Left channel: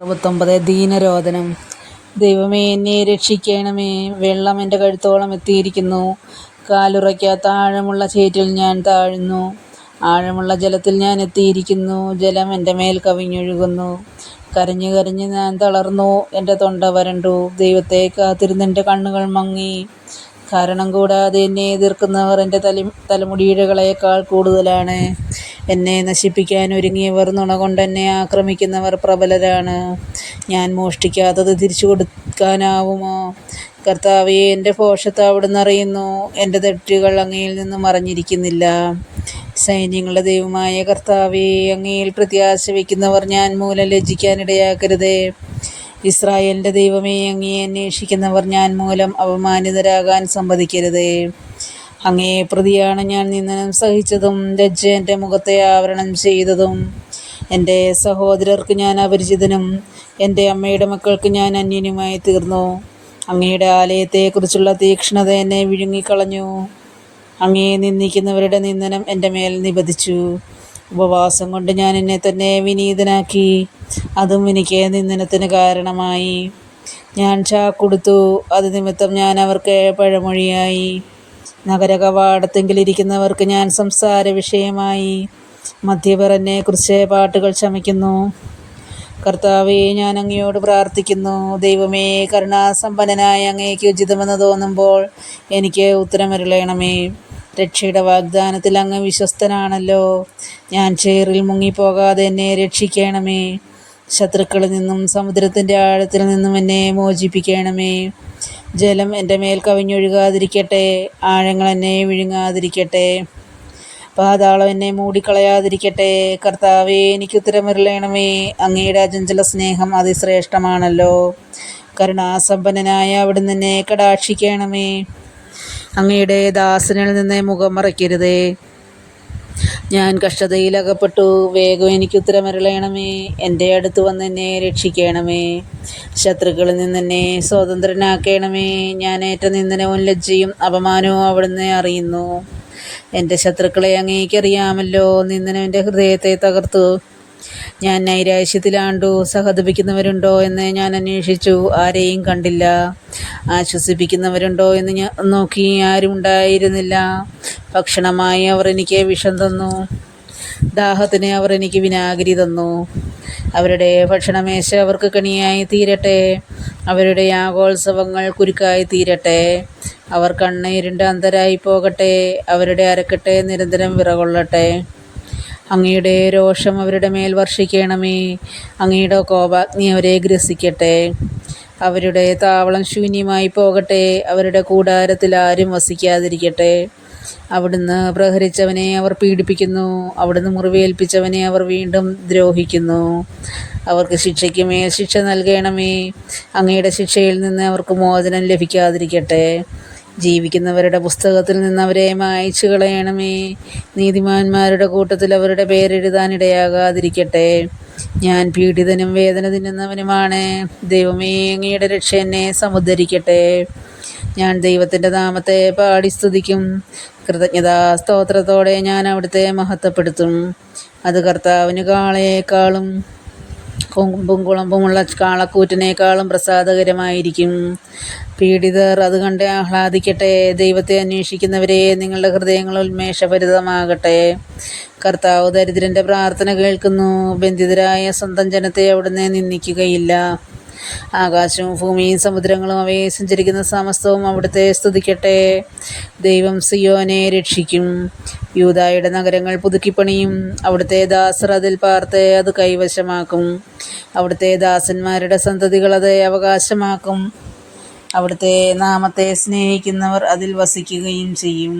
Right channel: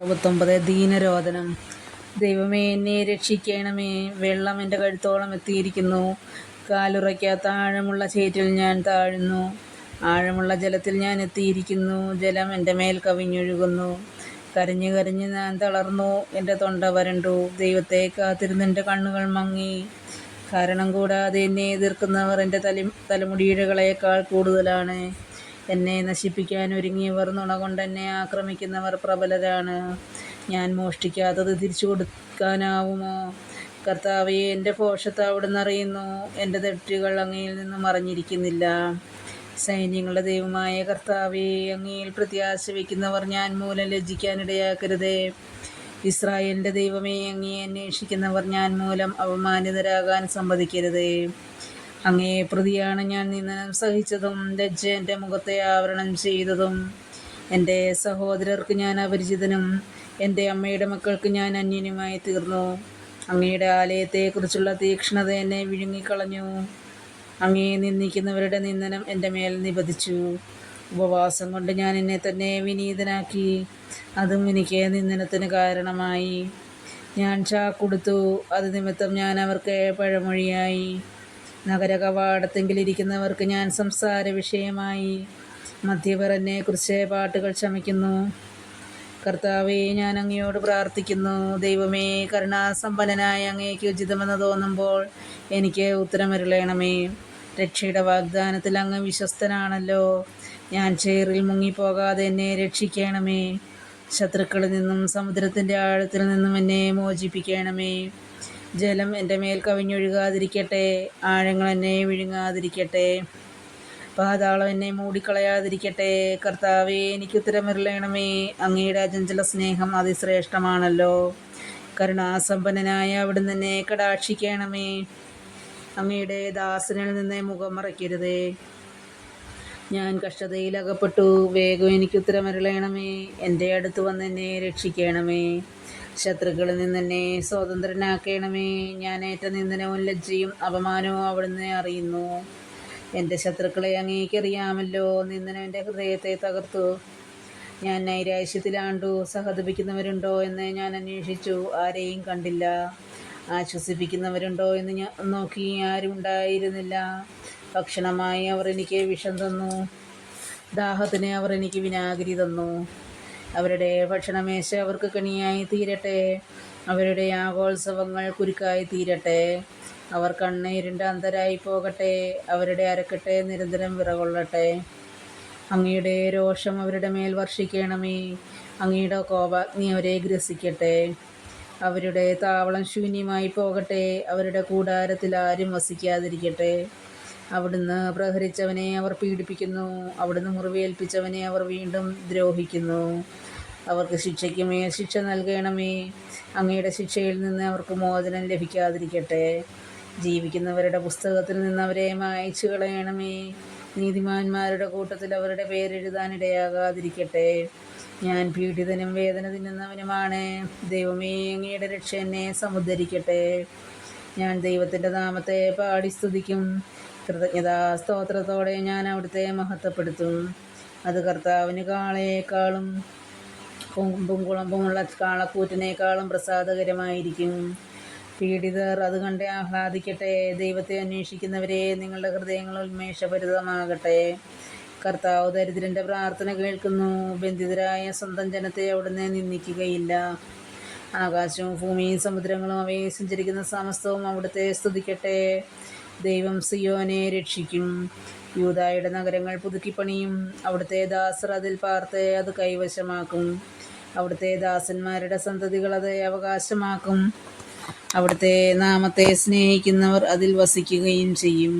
69 ദീനരോധനം. ദൈവമേ, എന്നെ രക്ഷിക്കണമേ. വെള്ളം എൻ്റെ കഴുത്തോളം എത്തിയിരിക്കുന്നു. കാലുറയ്ക്കാത്ത ആഴമുള്ള ചേറ്റിൽ ഞാൻ താഴുന്നു. ആഴമുള്ള ജലത്തിൽ ഞാൻ എത്തിയിരിക്കുന്നു. ജലം എൻ്റെ മേൽ കവിഞ്ഞൊഴുകുന്നു. കരഞ്ഞു കരഞ്ഞ് ഞാൻ തളർന്നു. എൻ്റെ തൊണ്ട വരണ്ടു. ദൈവത്തെ കാത്തിരുന്നെൻ്റെ കണ്ണുകൾ മങ്ങി. കാരണം കൂടാതെ എന്നെ എതിർക്കുന്നവർ എൻ്റെ തലമുടിയിഴകളേക്കാൾ കൂടുതലാണ്. എന്നെ നശിപ്പിക്കാൻ ഒരുങ്ങിയവർ നുണ കൊണ്ട് എന്നെ ആക്രമിക്കുന്നവർ പ്രബലരാണ്. ഞാൻ മോഷ്ടിക്കാത്തത് തിരിച്ചു കൊടുക്കാനാവുമോ? കർത്താവേ, എൻ്റെ ഭോഷത്ത് അവിടുന്ന് അറിയുന്നു. എൻ്റെ തെറ്റുകൾ അങ്ങയിൽ നിന്ന് മറഞ്ഞിരിക്കുന്നില്ല. സൈന്യങ്ങളുടെ ദൈവമായ കർത്താവേ, അങ്ങയിൽ പ്രത്യാശ വയ്ക്കുന്നവർ ഞാൻ മൂലം ലജ്ജിക്കാനിടയാക്കരുതേ. ഇസ്രായേലിൻ്റെ ദൈവമേ, അങ്ങയെ അന്വേഷിക്കുന്നവർ ഞാൻ മൂലം അപമാനിതരാകാൻ സമ്മതിക്കരുതേ. അങ്ങയെ പ്രതിയാണ് ഞാൻ നിന്ദനം സഹിച്ചതും ലജ്ജ എൻ്റെ മുഖത്തെ ആവരണം ചെയ്തതും. എൻ്റെ സഹോദരർക്ക് ഞാൻ അപരിചിതനും എൻ്റെ അമ്മയുടെ മക്കൾക്ക് ഞാൻ അന്യനുമായി തീർന്നു. അങ്ങയുടെ ആലയത്തെക്കുറിച്ചുള്ള തീക്ഷ്ണത എന്നെ വിഴുങ്ങിക്കളഞ്ഞു. അങ്ങയെ നിന്ദിക്കുന്നവരുടെ നിന്ദനം എൻ്റെ മേൽ നിപതിച്ചു. ഉപവാസം കൊണ്ട് ഞാൻ എന്നെ തന്നെ വിനീതനാക്കി. അതും എനിക്ക് നിന്ദനത്തിന് കാരണമായി. ഞാൻ ചാക്കുടുത്തു. അത് നിമിത്തം ഞാൻ അവർക്ക് പഴമൊഴിയായി. നഗര കവാടത്തെങ്കിലിരിക്കുന്നവർക്ക് ഞാൻ സംസാര വിഷയമായി. മദ്യപർ എന്നെക്കുറിച്ച് പാട്ടുകൾ ചമയ്ക്കുന്നു. കർത്താവേ, ഞാൻ അങ്ങയോട് പ്രാർത്ഥിക്കുന്നു. ദൈവമേ, കരുണാസമ്പന്നനായ അങ്ങേക്ക് ഉചിതമെന്ന് തോന്നുമ്പോൾ എനിക്ക് ഉത്തരമരുളണമേ. രക്ഷയുടെ വാഗ്ദാനത്തിൽ അങ്ങ് വിശ്വസ്തനാണല്ലോ. ഞാൻ ചേറിൽ മുങ്ങിപ്പോകാതെ എന്നെ രക്ഷിക്കണമേ. ശത്രുക്കളിൽ നിന്നും സമുദ്രത്തിൻ്റെ ആഴത്തിൽ നിന്നും എന്നെ മോചിപ്പിക്കണമേ. ജലം എൻ്റെ മേൽ കവിഞ്ഞൊഴുകാതിരിക്കട്ടെ. ആഴങ്ങൾ എന്നെ വിഴുങ്ങാതിരിക്കട്ടെ. പാതാളം എന്നെ മൂടിക്കളയാതിരിക്കട്ടെ. കർത്താവേ, എനിക്ക് ഉത്തരമരുളണമേ. അങ്ങയുടെ അചഞ്ചല സ്നേഹം അതിശ്രേഷ്ഠമാണല്ലോ. കരുണാസമ്പന്നനായ അവിടുന്ന് എന്നെ കടാക്ഷിക്കണമേ. അങ്ങയുടെ ദാസനിൽ നിന്ന് മുഖം മറയ്ക്കരുതേ. ഞാൻ കഷ്ടതയിൽ അകപ്പെട്ടു. വേഗം എനിക്ക് ഉത്തരമരുളണമേ. എൻ്റെ അടുത്ത് വന്ന് എന്നെ രക്ഷിക്കണമേ. ശത്രുക്കളിൽ നിന്ന് എന്നെ സ്വതന്ത്രനാക്കണമേ. ഞാൻ ഏറ്റ നിന്ദനവും ലജ്ജയും അപമാനവും അവിടുന്ന് അറിയുന്നു. എൻ്റെ ശത്രുക്കളെ അങ്ങേക്കറിയാമല്ലോ. നിന്ദനം എൻ്റെ ഹൃദയത്തെ തകർത്തു. ഞാൻ നൈരാശ്യത്തിലാണ്ടു. സഹതപിക്കുന്നവരുണ്ടോ എന്ന് ഞാൻ അന്വേഷിച്ചു. ആരെയും കണ്ടില്ല. ആശ്വസിപ്പിക്കുന്നവരുണ്ടോ എന്ന് ഞാൻ നോക്കി. ആരും ഉണ്ടായിരുന്നില്ല. ഭക്ഷണമായി അവർ എനിക്ക് വിഷം തന്നു. ദാഹത്തിന് അവർ എനിക്ക് വിനാഗിരി തന്നു. അവരുടെ ഭക്ഷണമേശ അവർക്ക് കണിയായി തീരട്ടെ. അവരുടെ യാഗോത്സവങ്ങൾ കുരുക്കായി തീരട്ടെ. അവർ കണ്ണീരിൻ്റെ അന്ധരായി പോകട്ടെ. അവരുടെ അരക്കെട്ട് നിരന്തരം വിറകൊള്ളട്ടെ. അങ്ങയുടെ രോഷം അവരുടെ മേൽ വർഷിക്കണമേ. അങ്ങയുടെ കോപാഗ്നി അവരെ ഗ്രസിക്കട്ടെ. അവരുടെ താവളം ശൂന്യമായി പോകട്ടെ. അവരുടെ കൂടാരത്തിൽ ആരും വസിക്കാതിരിക്കട്ടെ. അവിടുന്ന് പ്രഹരിച്ചവനെ അവർ പീഡിപ്പിക്കുന്നു. അവിടുന്ന് മുറിവേൽപ്പിച്ചവനെ അവർ വീണ്ടും ദ്രോഹിക്കുന്നു. അവർക്ക് ശിക്ഷയ്ക്ക് മേൽ ശിക്ഷ നൽകണമേ. അങ്ങയുടെ ശിക്ഷയിൽ നിന്ന് അവർക്ക് മോചനം ലഭിക്കാതിരിക്കട്ടെ. ജീവിക്കുന്നവരുടെ പുസ്തകത്തിൽ നിന്ന് അവരെ മായ്ച്ചു കളയണമേ. നീതിമാന്മാരുടെ കൂട്ടത്തിൽ അവരുടെ പേരെഴുതാനിടയാകാതിരിക്കട്ടെ. ഞാൻ പീഡിതനും വേദന തിന്നുന്നവനുമാണ്. ദൈവമേ, അങ്ങയുടെ രക്ഷ എന്നെ സമുദ്ധരിക്കട്ടെ. ഞാൻ ദൈവത്തിൻ്റെ നാമത്തെ പാടി സ്തുതിക്കും. കൃതജ്ഞതാ സ്തോത്രത്തോടെ ഞാൻ അവിടുത്തെ മഹത്വപ്പെടുത്തും. അത് കർത്താവിന് കാളയേക്കാളും കൊമ്പും കുളമ്പുമുള്ള കാളക്കൂറ്റിനേക്കാളും പ്രസാദകരമായിരിക്കും. പീഡിതർ അത് കണ്ട് ആഹ്ലാദിക്കട്ടെ. ദൈവത്തെ അന്വേഷിക്കുന്നവരെ, നിങ്ങളുടെ ഹൃദയങ്ങൾ ഉന്മേഷഭരിതമാകട്ടെ. കർത്താവ് ദരിദ്രൻ്റെ പ്രാർത്ഥന കേൾക്കുന്നു. ബന്ധിതരായ സ്വന്തം ജനത്തെ അവിടുന്ന് നിന്ദിക്കുകയില്ല. ആകാശവും ഭൂമിയും സമുദ്രങ്ങളും അവയെ സഞ്ചരിക്കുന്ന സമസ്തവും അവിടുത്തെ സ്തുതിക്കട്ടെ. ദൈവം സിയോനെ രക്ഷിക്കും. യൂദായുടെ നഗരങ്ങൾ പുതുക്കിപ്പണിയും. അവിടുത്തെ ദാസർ അതിൽ പാർത്ത് അത് കൈവശമാക്കും. അവിടുത്തെ ദാസന്മാരുടെ സന്തതികൾ അത് അവകാശമാക്കും. അവിടുത്തെ നാമത്തെ സ്നേഹിക്കുന്നവർ അതിൽ വസിക്കുകയും ചെയ്യും.